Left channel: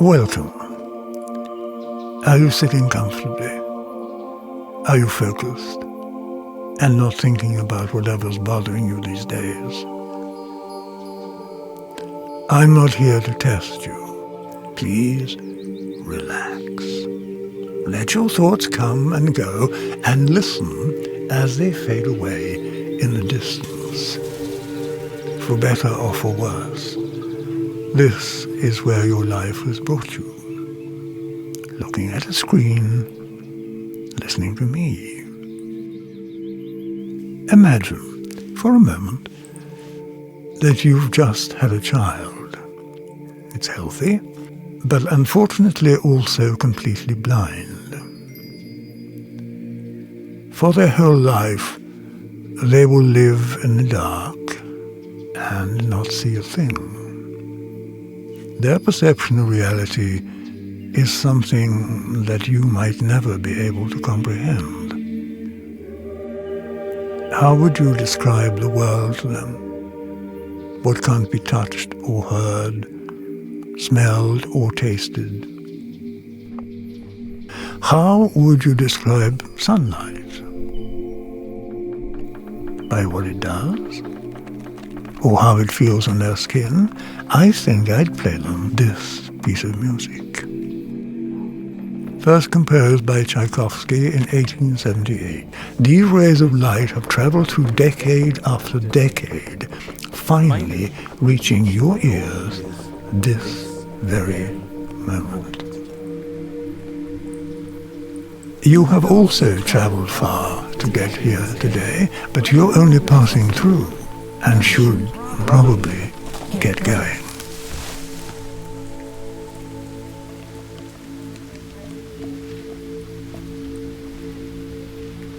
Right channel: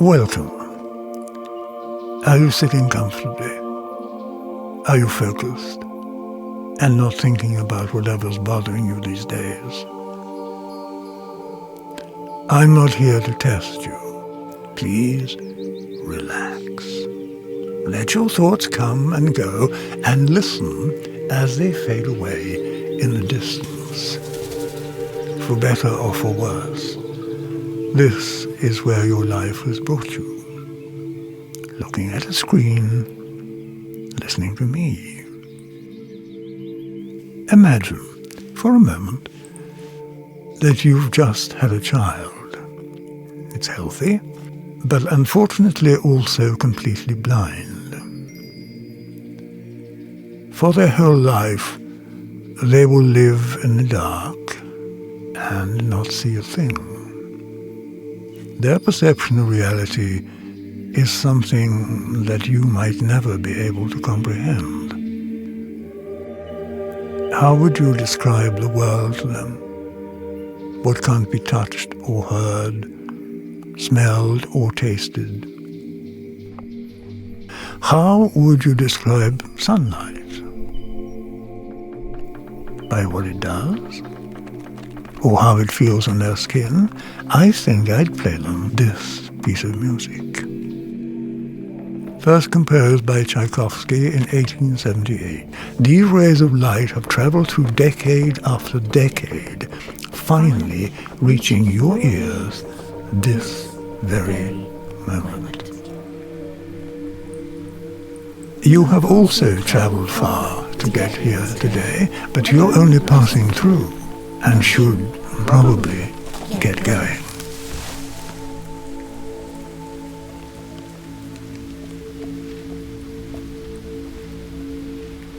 Welcome. Are you sitting comfortably? Are you focused and not thinking about whatever's bothering you these days? I'm not here to test you. Please relax. Let your thoughts come and go and listen as they fade away in the distance. For better or for worse, this is where your life has brought you. Looking at a screen, listening to me. Imagine, for a moment, that you've just had a child. It's healthy, but unfortunately also completely blind. For their whole life, they will live in the dark and not see a thing. Their perception of reality is something that you might never be able to comprehend. How would you describe the world to them? What can't be touched or heard, smelled or tasted? How would you describe sunlight? By what it does? Or how it feels on their skin? I think I'd play them this piece of music. First composed by Tchaikovsky in 1878, these rays of light have traveled through decade after decade, finally reaching your ears this very moment. You have also traveled far to get here today, but you're only passing through and should probably get going.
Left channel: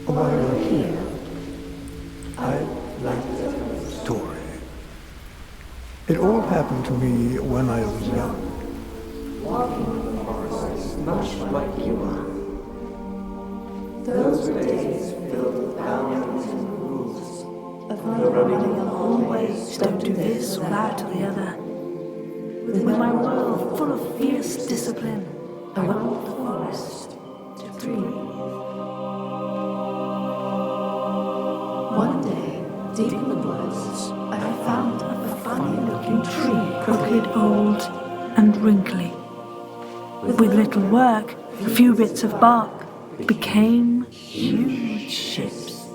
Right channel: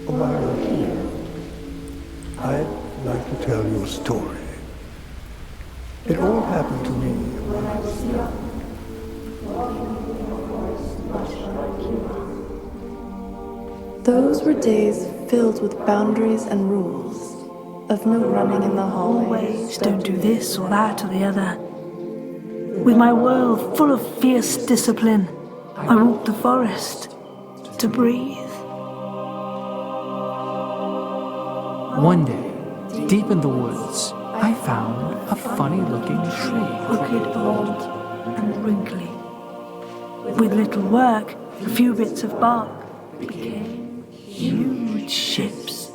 While you're here, I'd like to tell you a story. It all happened to me when I was young. Much like you are. Those were days filled with boundaries and rules, of no running in the hallways, Don't do this or that or the other. With my world full of fierce discipline, I walked the forest to breathe. One day, deep in the woods, I found a funny-looking tree. Crooked, old, and wrinkly. With little work, a few bits of bark became huge ships.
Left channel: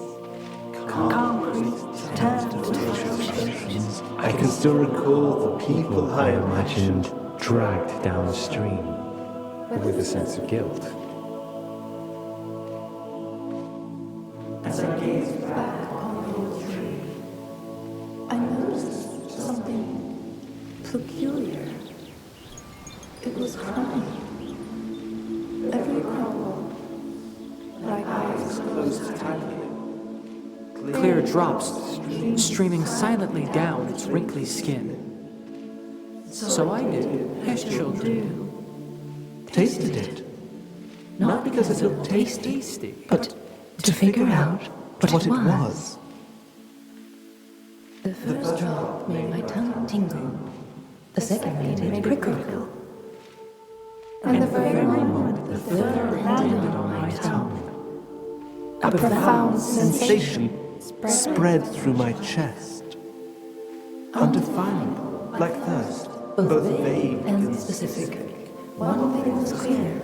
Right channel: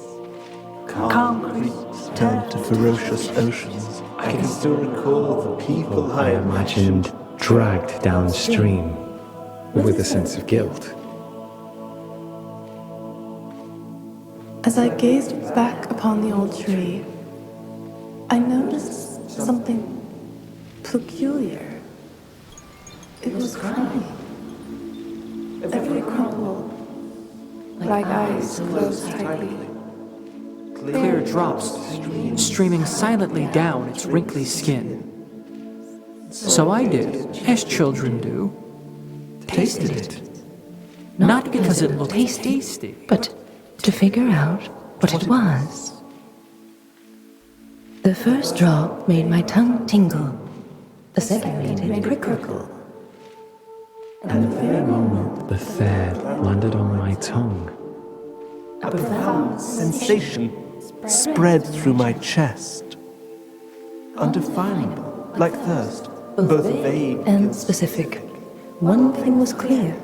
Calm creeks turned To ferocious oceans. I can still recall the people I imagined dragged downstream with a sense of guilt. As I gazed back upon the old tree, I noticed something peculiar. It was crying. Every crumple, like eyes closed tightly. Clear drops streaming silently down its wrinkly skin. So I did, as children do, tasted it. Not because it looked tasty, but to figure out what it was. The first drop made my tongue tingle. The second made it prickle. And the very moment, The third landed on my tongue. a profound sensation spread through my chest. Undefinable, like thirst, both vague and specific. One thing was clear.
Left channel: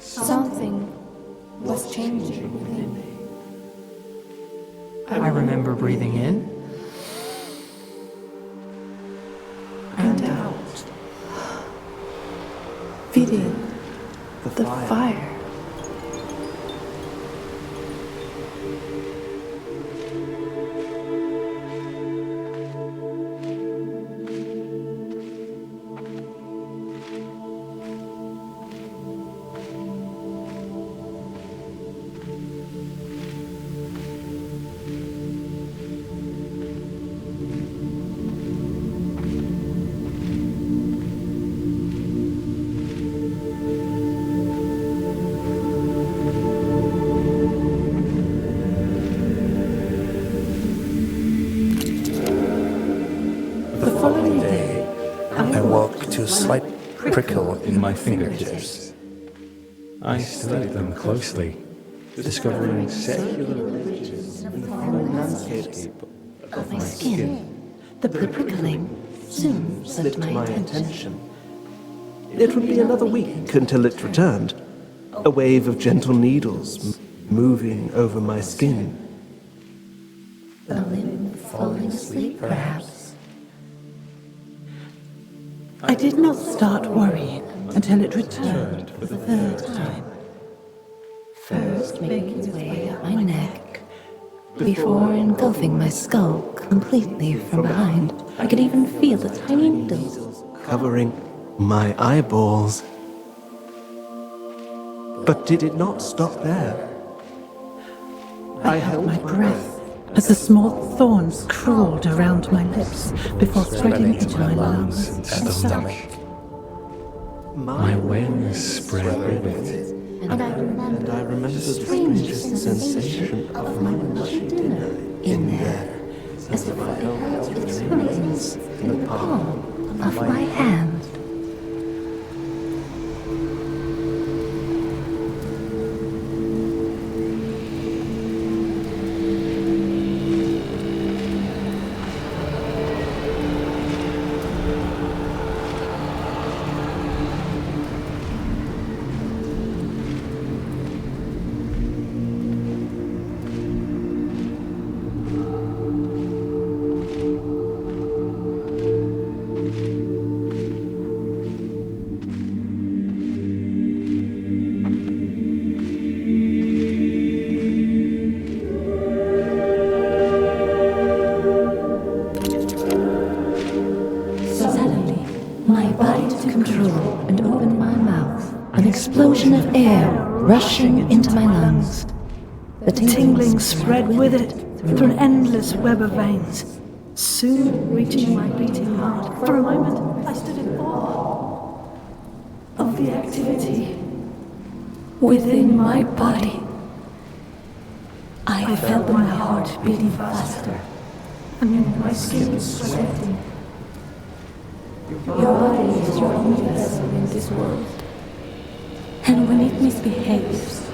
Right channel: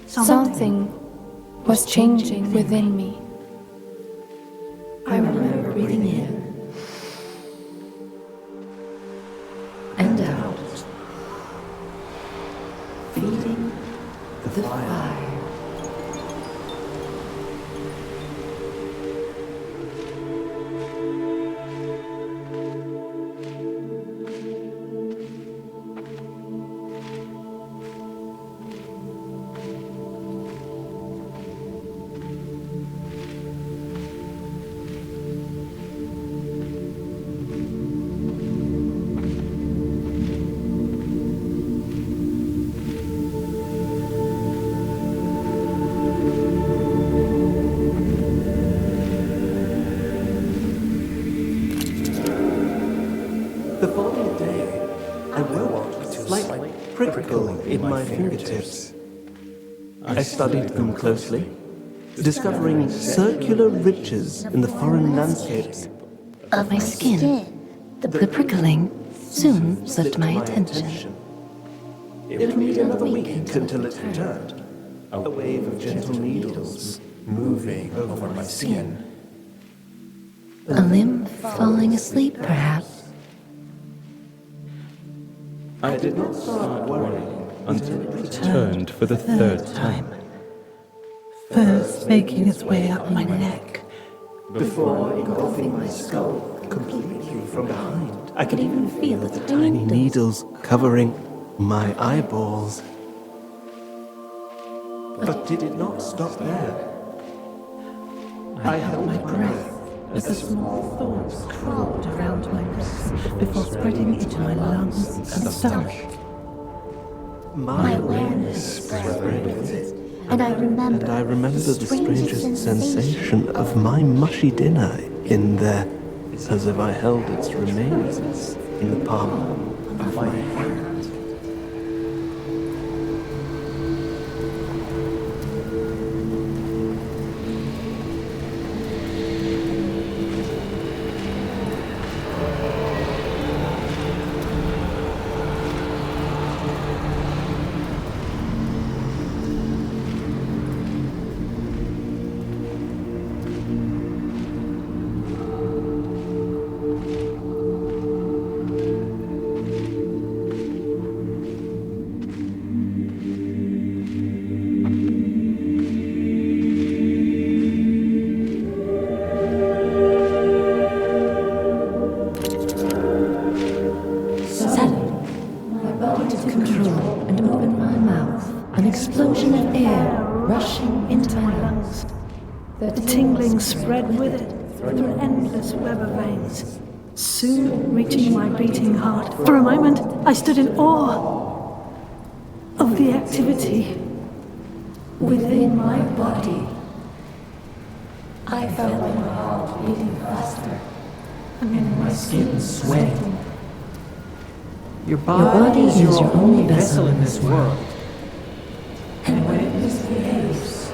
something was changing within me. I remember breathing in And out. Feeling the the fire. fire. The following day, I woke to a slight prickle in my fingertips. I studied them closely, discovering circular ridges in the foreign landscape Of my skin. The prickling soon slipped my attention. It would be another week until it returned. A wave of gentle needles moving over my skin. A limb falling asleep, perhaps. I did not start worrying until it returned for the third time. first making its way up my neck. Before engulfing my skull completely from behind, I could even feel the tiny needles. Needles covering my eyeballs. But did it not stop there? I held my breath as the small thorns crawled around my lips before spreading into my lungs and stomach. My Awareness spread with it. And I remember the strangest sensation of my mushy dinner in there, as if I held its remains in the palm of my hand. Suddenly, my body took control and opened my mouth. An explosion of air rushing into my lungs. The tingling spread with it through an endless web of veins, soon reaching my beating heart. For a moment, I stood in awe of the activity within my body. I felt my heart beating faster and my skin sweating. Your Your body body is your only vessel in this world. And when it misbehaves,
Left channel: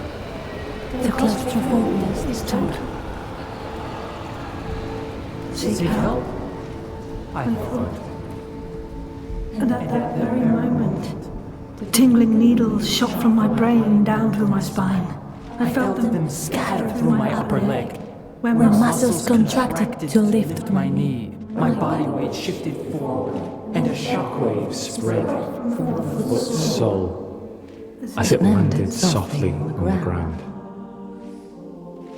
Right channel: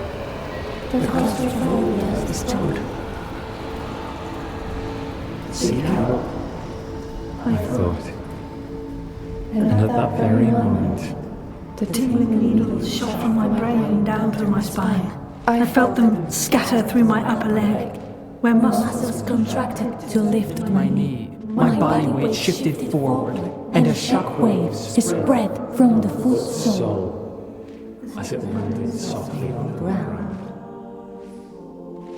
The claustrophobia is total. seek help, I thought. And at that very moment, the tingling needles shot from my brain down through my spine. I felt them scatter through my upper leg, where muscles contracted to lift my knee, my body weight shifted forward, and a shockwave spread. from the full soul. Soul, as it landed softly on the ground.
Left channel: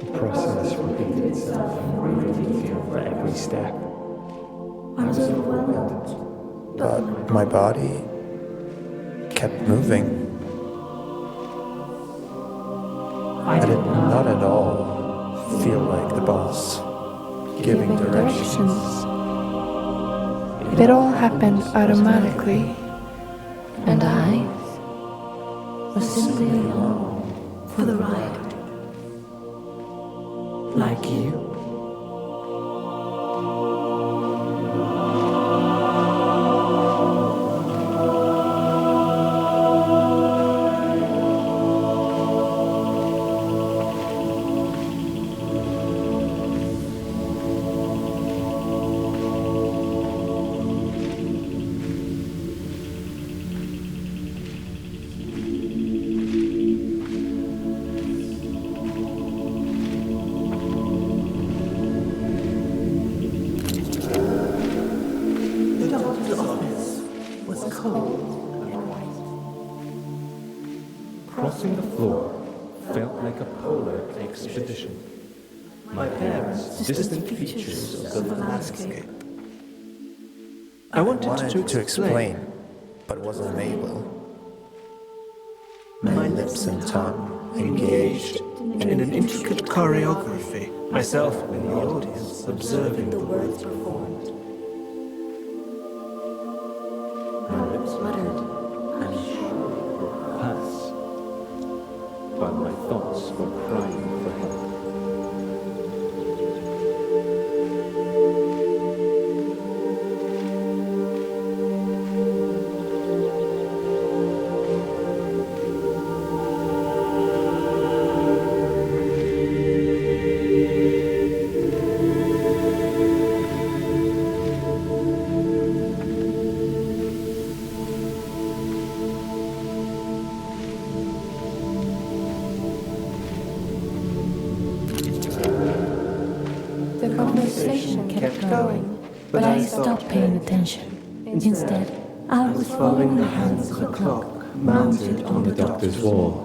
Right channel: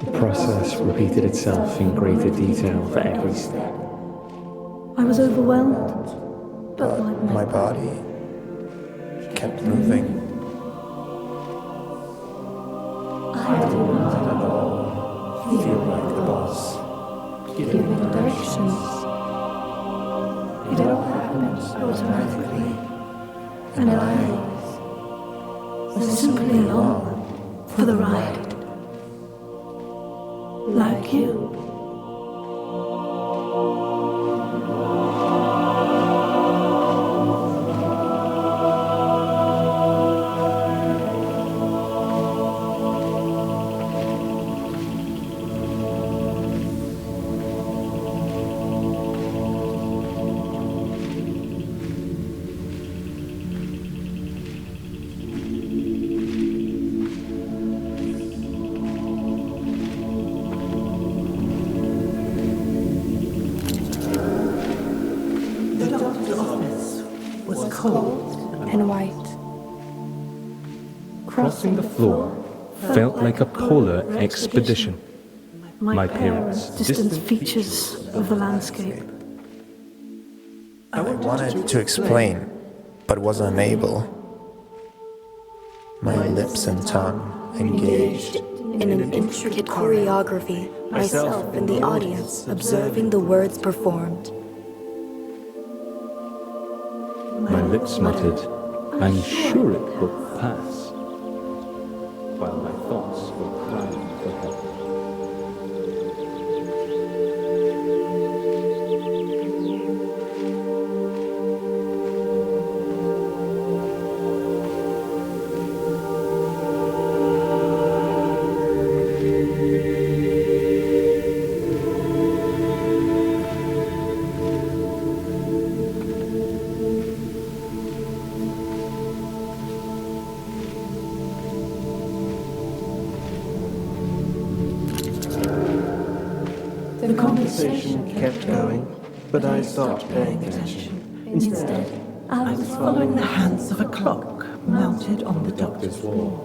The process repeated itself in greater detail for every step. I was overwhelmed, but My body kept moving. I did not at all feel like the boss giving directions. It all happened automatically. And I was simply along for the ride. Like you. The doctor's office was cold And white. Crossing the floor felt like a polar expedition. My parents' distant features of the landscape. I wanted to explain, but was unable. My lips and tongue engaged. In an intricate choreography, myself in the audience observing the words performed. My lips muttered, "I'm sure it will pass," while my thoughts were crying for help. conversation kept going, but I stopped paying attention. Instead, I was following the hands of a clock mounted on the doctor's wall.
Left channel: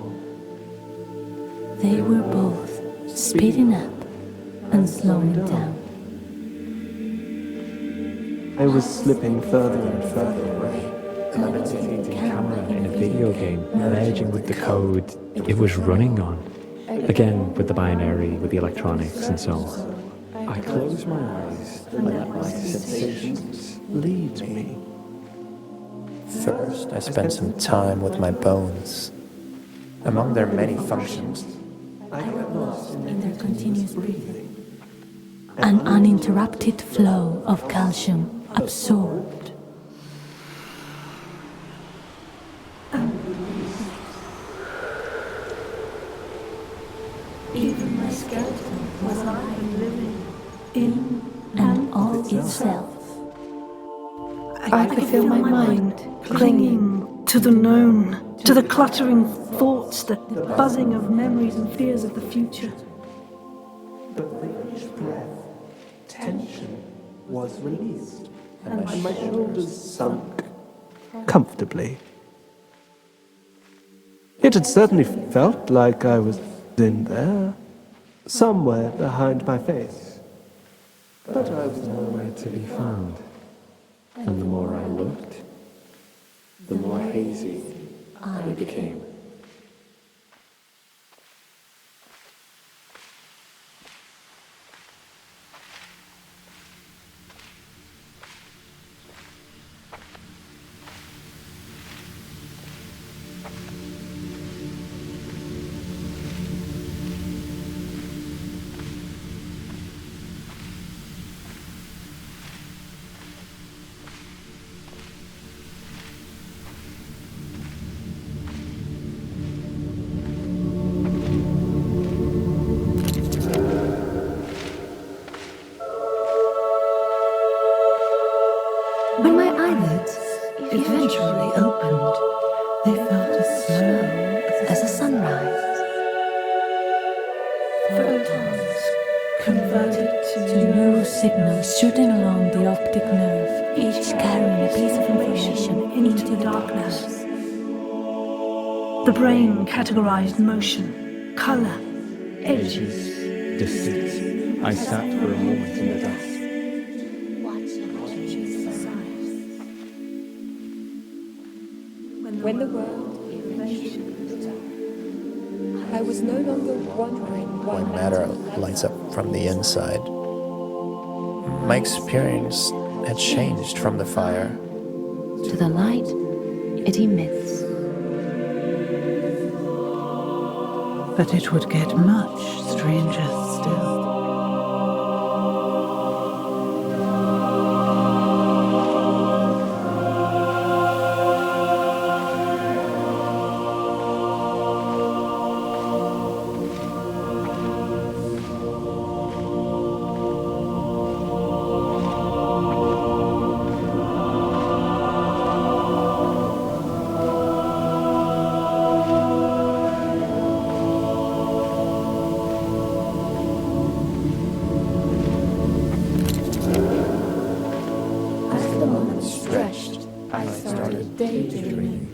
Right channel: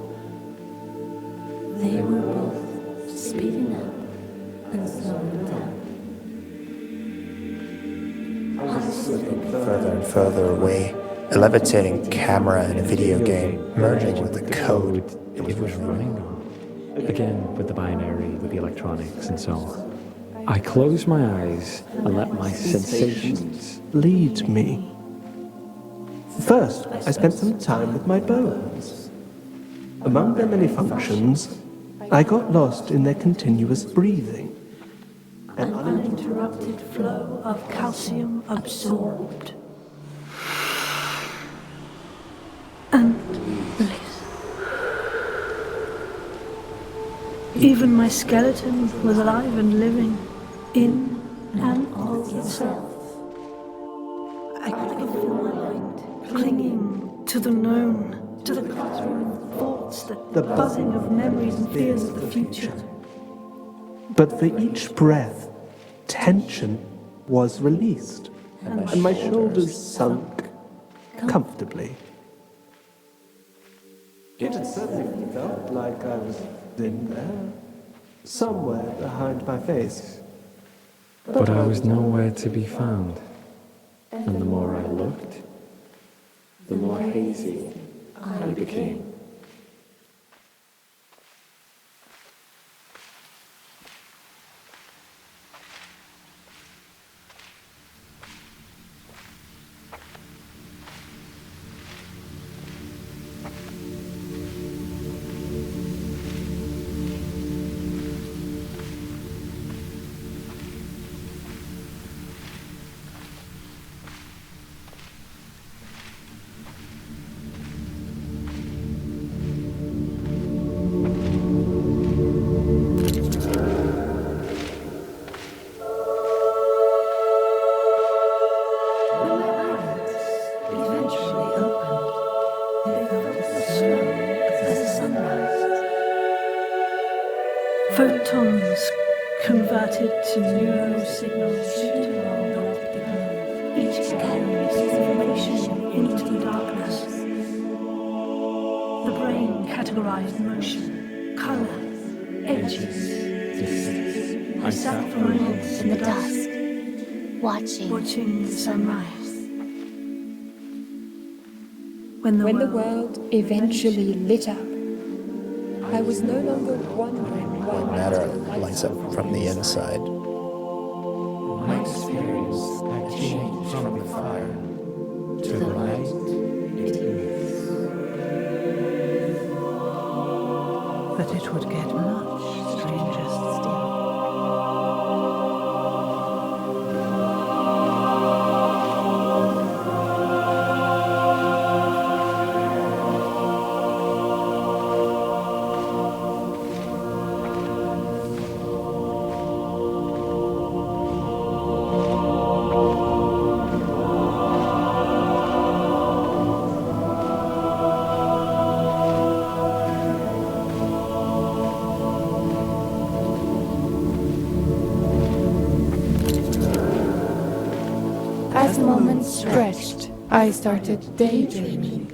They were both speeding up and slowing down. I was slipping Further and further away. A levitating camera and video game merging with the code it was running on. Again, with the binary, with the electronics and so on. I closed my eyes and let my sensations lead me. First, I spent some time with my bones. Among their many functions, I got lost in their continuous breathing. An uninterrupted flow of calcium absorbed. And bliss. Even my skeleton was alive and living, in And of itself. I could feel my mind clinging to the known, to the cluttering thoughts, the buzzing of memories and fears of the future. But for each breath, tension was released, and my shoulders sunk comfortably. It had certainly felt like I was in there, somewhere behind my face. but I was nowhere to be found. And the more I looked, the more hazy I became. When my eyelids eventually opened, they felt as slow as a sunrise. Photons converted to Neural signals shooting along the optic nerve, each carrying a piece of information into the darkness. The brain categorized motion, color, edges. Distance. I sat for a moment in the dust. Watching the sunrise. When When the world eventually lit up, I was no longer wondering why when matter lights up from the inside. My experience had changed from the fire to the light it emits. But it would get much stranger still. As the moments stretched, I started daydreaming.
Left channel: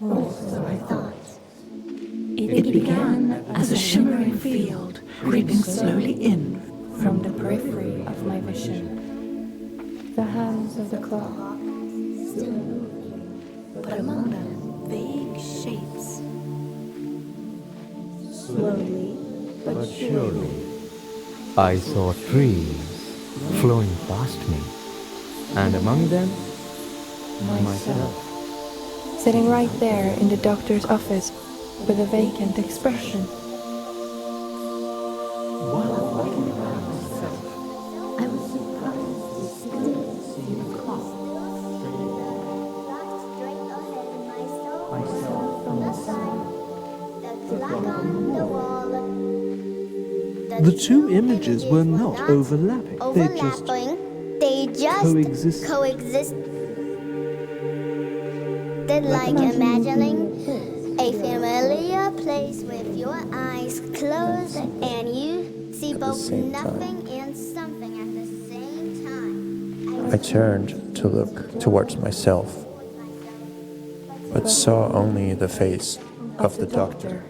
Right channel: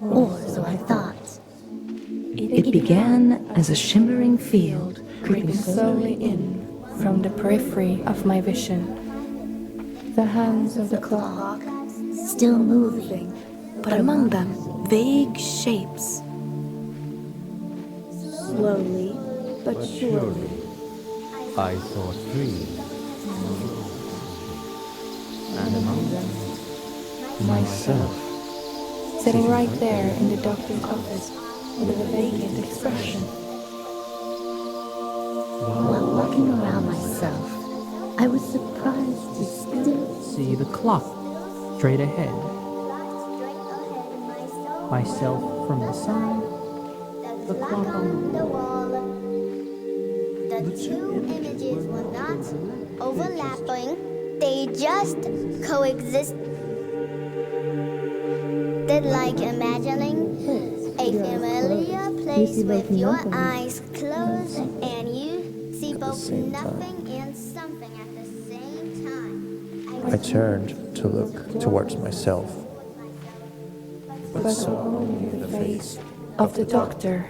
Or so I thought. It began as a shimmering field, Creeping slowly in from the periphery of my vision. The hands of the clock, still moving, but among them, vague shapes. Slowly, but surely. I saw trees flowing past me, and among them, myself. Sitting right there in the doctor's office with a vacant expression. While walking around myself, I was surprised to still See the clock straight ahead. Myself from the side. The two images were not overlapping. They just coexisted like imagining a familiar place with your eyes closed and you see both nothing and something I turned to look towards myself, but saw only the face of the doctor.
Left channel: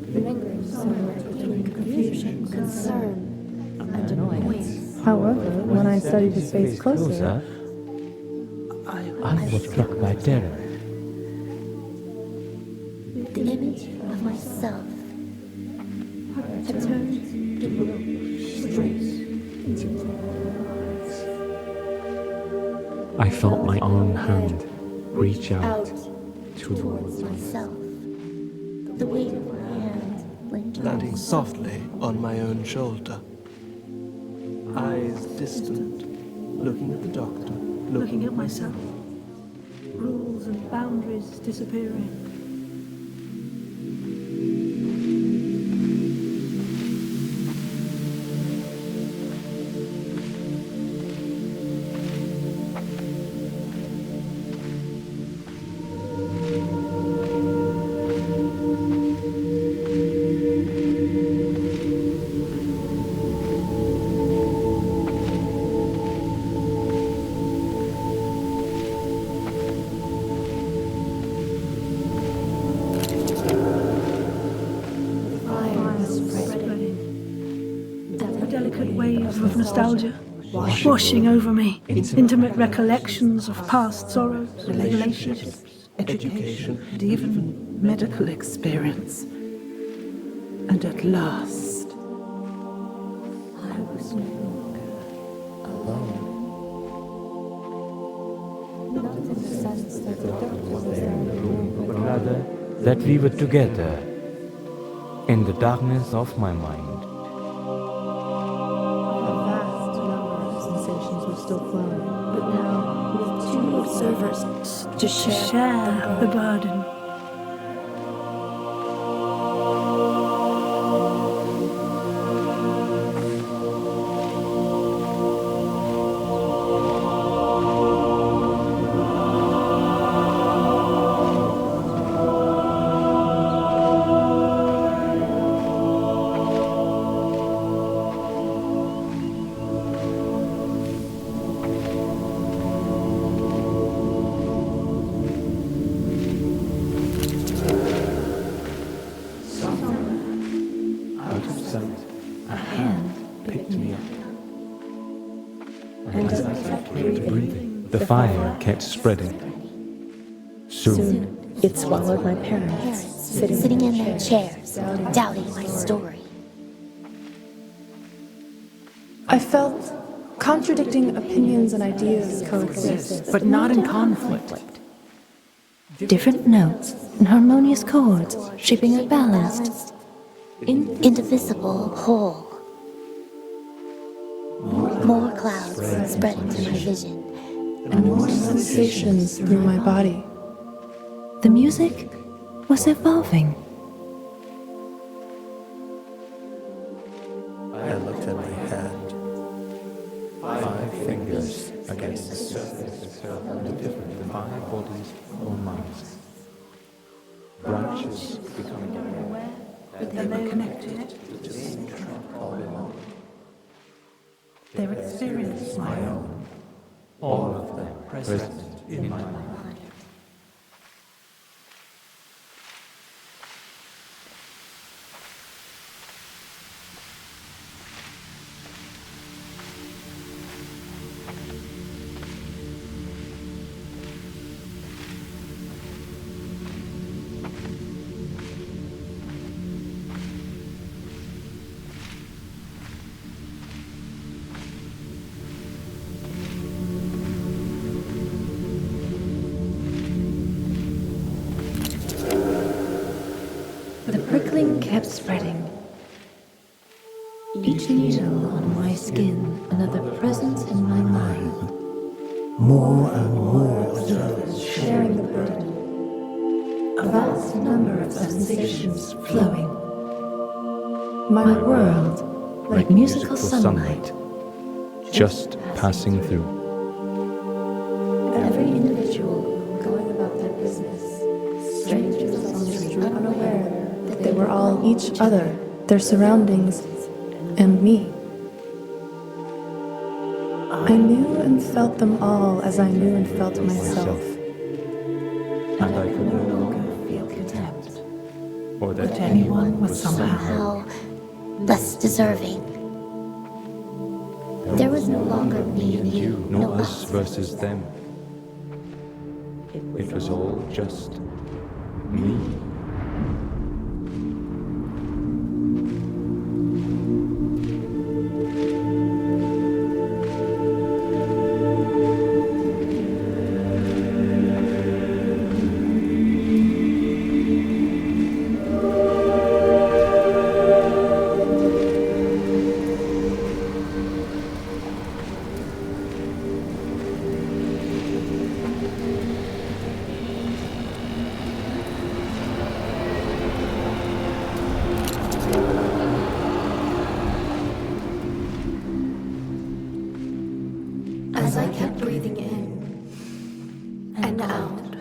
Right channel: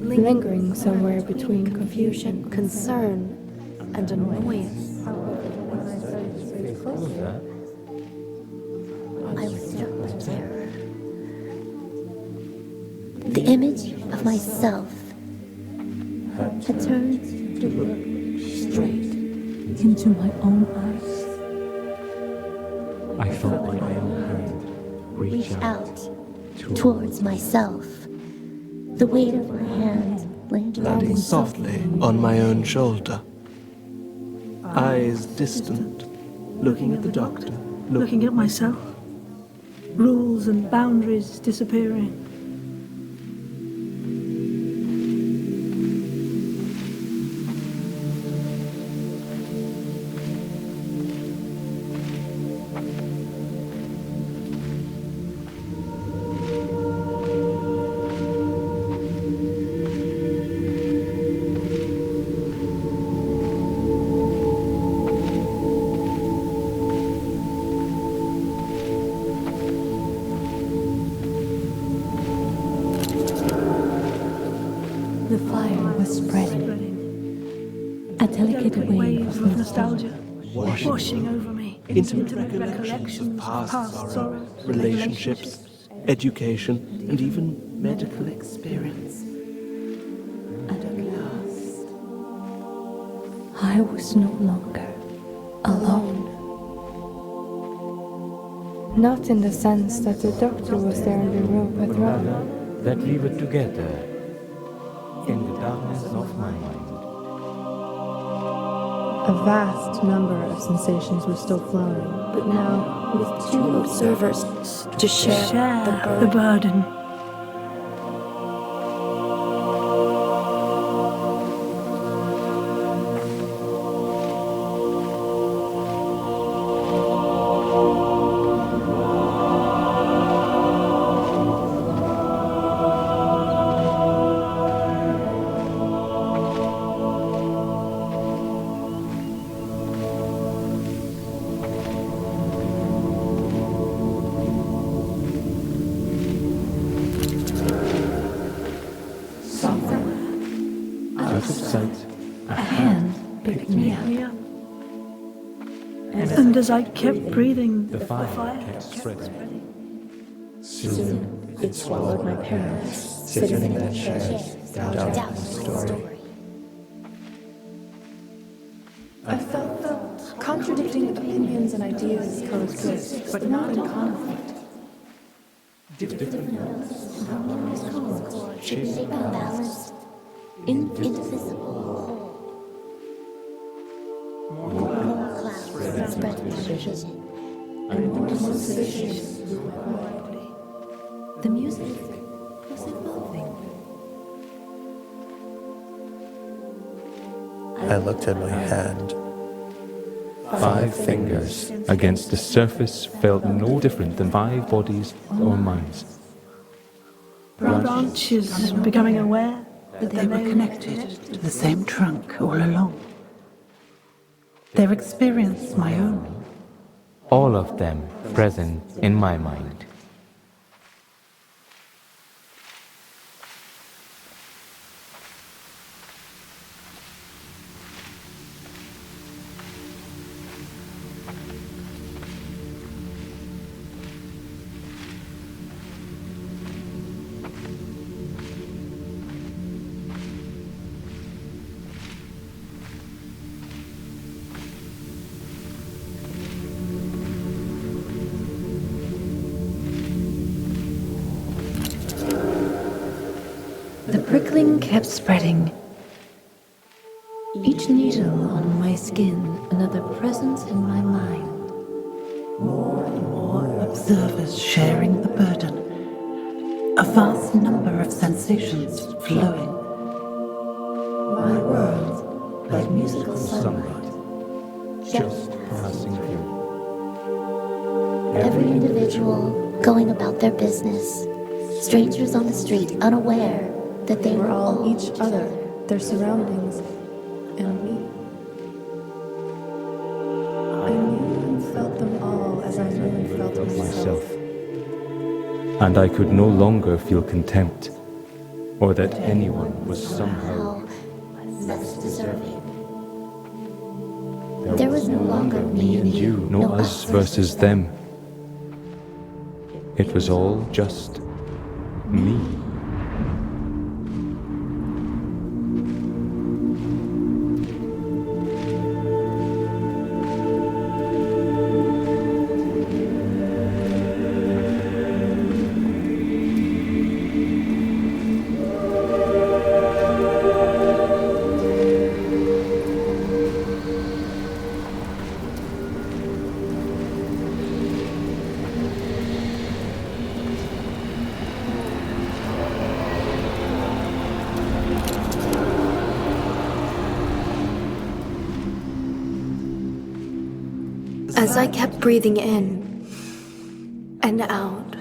Lingering somewhere between confusion, concern, and annoyance. However, when I studied his face closer, I was struck by terror. The image of myself had turned to look straight into my own eyes. I felt my own hand reach out towards myself. The weight of my hand landing softly on my own shoulder. Eyes distant, looking at the doctor, Looking at myself. Rules and boundaries disappearing. Of nostalgia, washing over me, intimate recollections of past sorrows, relationships, education, and even medical experience. And at last, I was no longer alone. Not in the sense that the doctor was there in the room, but Rather, that we were together in the darkness of my mind. a vast number of sensations were still flowing, but now with two observers to share the burden. And as I kept breathing, the fire kept spreading. Soon, it swallowed my parents, sitting in their chairs, doubting my story. I felt contradicting opinions and ideas coexist, but not in conflict. Different notes and harmonious chords shaping a balanced, indivisible whole. More clouds spreading through my vision, and more sensations through my body. The music was evolving. I looked at my hand. 5 fingers against the surface felt no different than 5 bodies or minds. Branches becoming aware that they were connected to the same trunk all along. Their experience my own. All of them present in my mind. The prickling kept spreading. Each needle on my skin, another presence in my mind. More and more observers sharing the burden. A vast number of sensations flowing. My world, like musical sunlight, just passing through. Every individual going about their business. Strangers on the street, unaware that They were all each other, their surroundings, and me. I knew and felt them all as I knew and felt myself. And I could no longer feel contempt, or that anyone was somehow less deserving. There was no longer me and you, no us versus them. It was all just me. As I kept breathing in and out,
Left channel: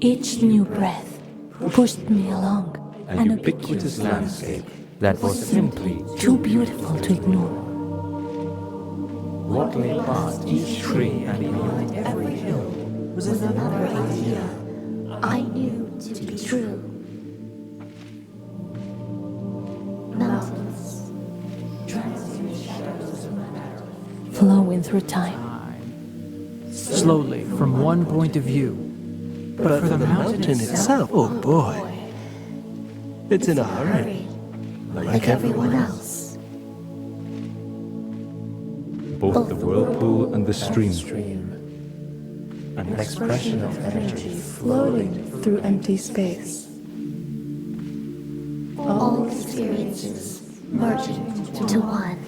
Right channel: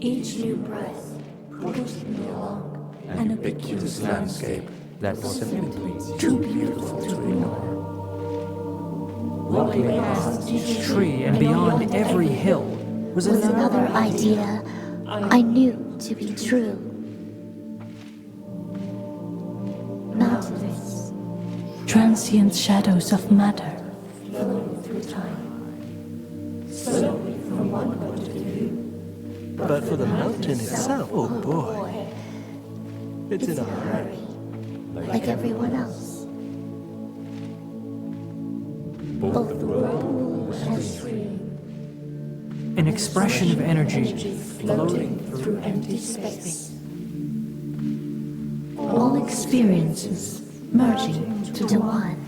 each new breath pushed me along An ubiquitous landscape that was simply too beautiful to ignore. What lay past each tree and beyond every hill was another idea I knew to be true. Mountains, transient shadows of matter flowing through time. Slowly, from one point of view. But for the mountain itself, oh boy, it's in a hurry. Like everyone else. both the whirlpool and the stream. An expression of energy floating through empty space. All experiences merging to one.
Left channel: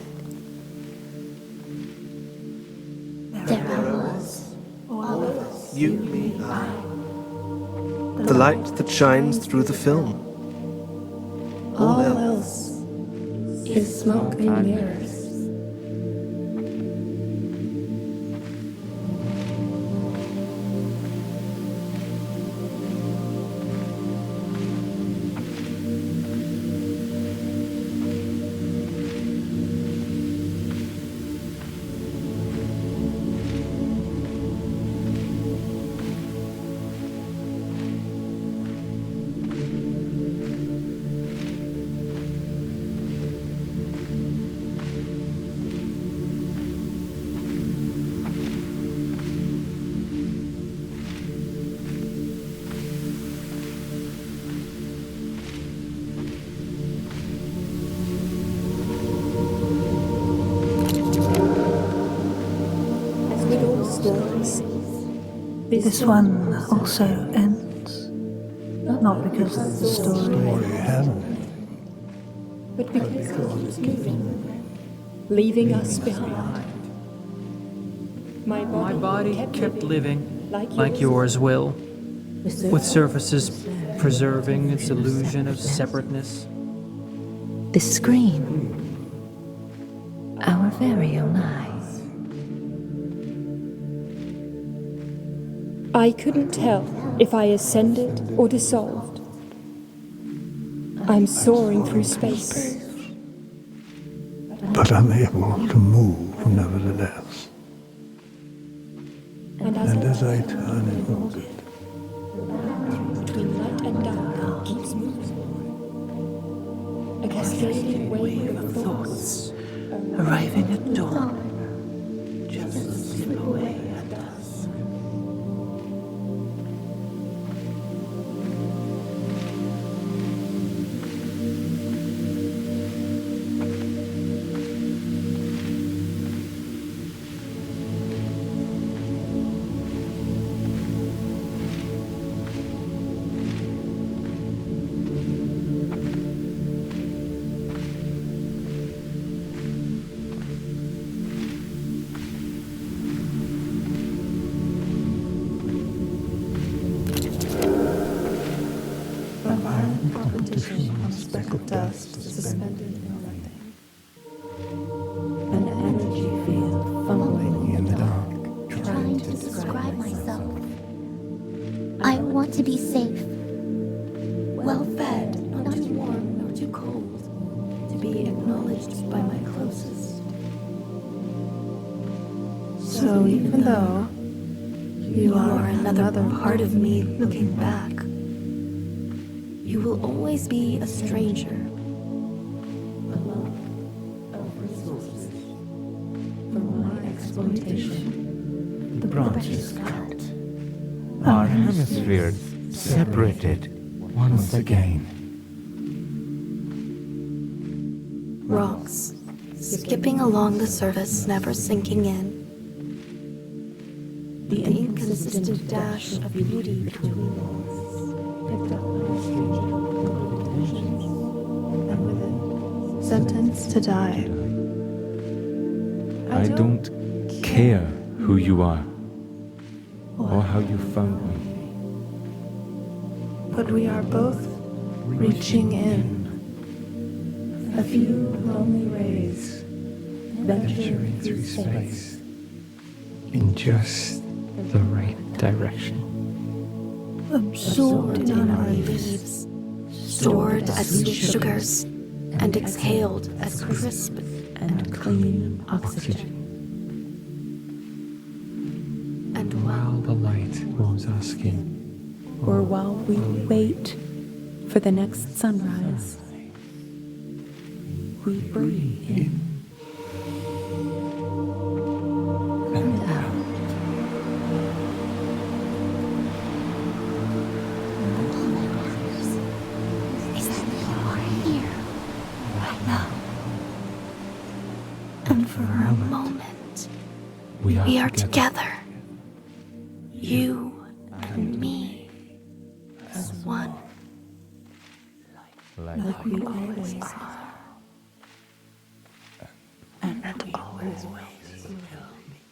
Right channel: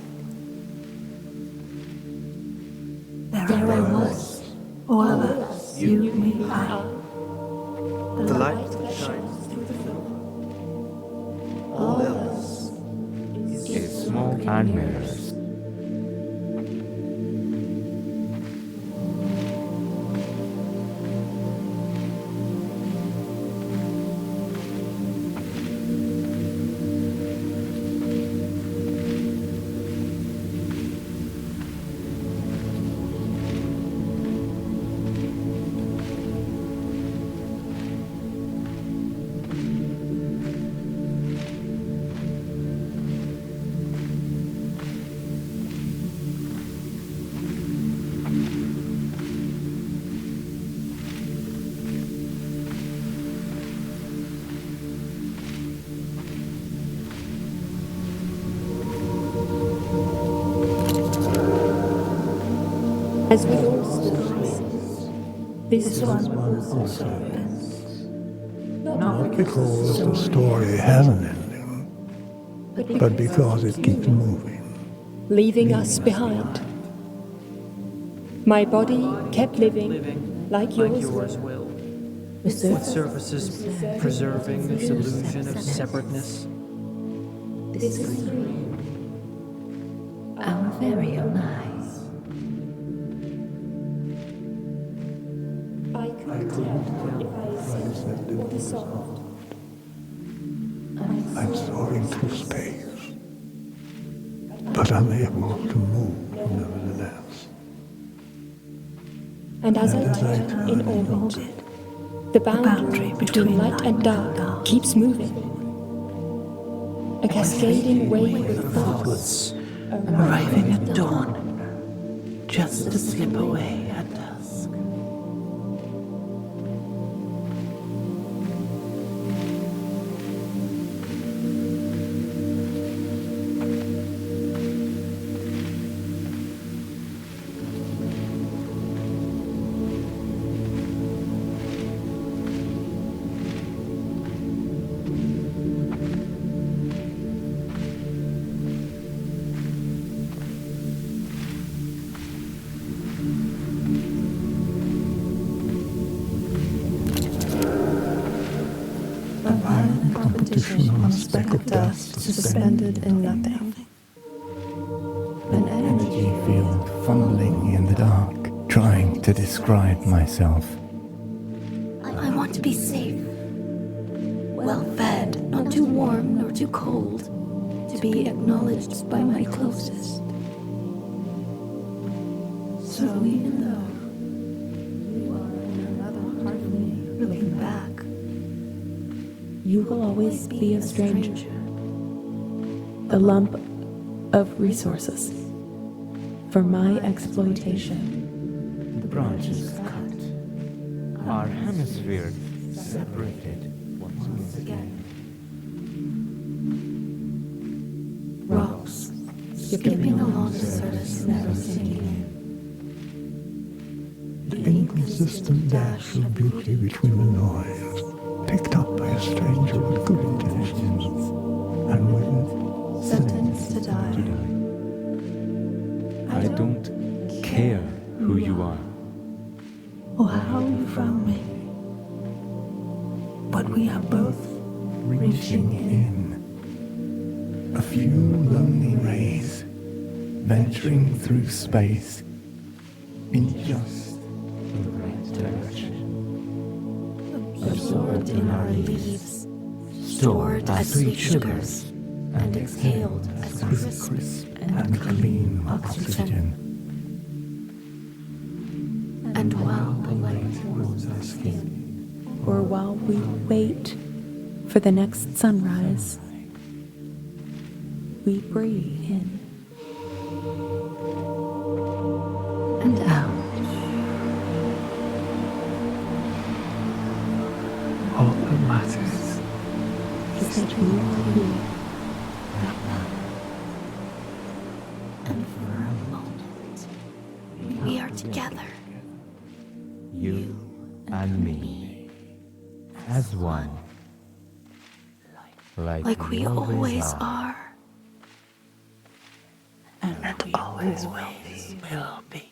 There I was, all of us, you, me, I. The light that shines through the film. All else is smoke and mirrors. As with all stories, This one also ends. Not because The story has an ending, but because it keeps moving. leaving us behind. My body kept living like yours will, with surfaces preserving its illusion of separateness. The screen, our very own eyes. I couldn't tell if I ascended or dissolved. I'm soaring through space. But I'm able to move nevertheless. And as I turn in orbit, the boundary between light and dark keeps moving. A cascading wave of thoughts arriving at dawn, just to slip away at dusk. Competition on a speck of dust suspended in nothing. An energy field fumbling in the dark, trying to describe myself. I want to be safe. Well fed, not too warm nor too cold. To be acknowledged by my closest. So even though you are another part of me looking back, you will always be a stranger. The lump of resources for my exploitation. The branches cut. Our hemispheres separated once again. Rocks skipping along the surface, never sinking in. The inconsistent dash of beauty Between the noise, picked up by a stranger with good intentions, and with it, sentenced to die. I don't care who you are or how you found me. But we are both reaching in. A few lonely rays, venturing through space in just The right direction. Absorbed in our leaves, stored as sweet sugars, and exhaled as crisp and clean oxygen. And while The light warms our skin. or while we wait for the next sunrise, we breathe in and out. All that matters Is that you are here right now. And for a moment, we are together. You and me as one. Like we always are. And always will be.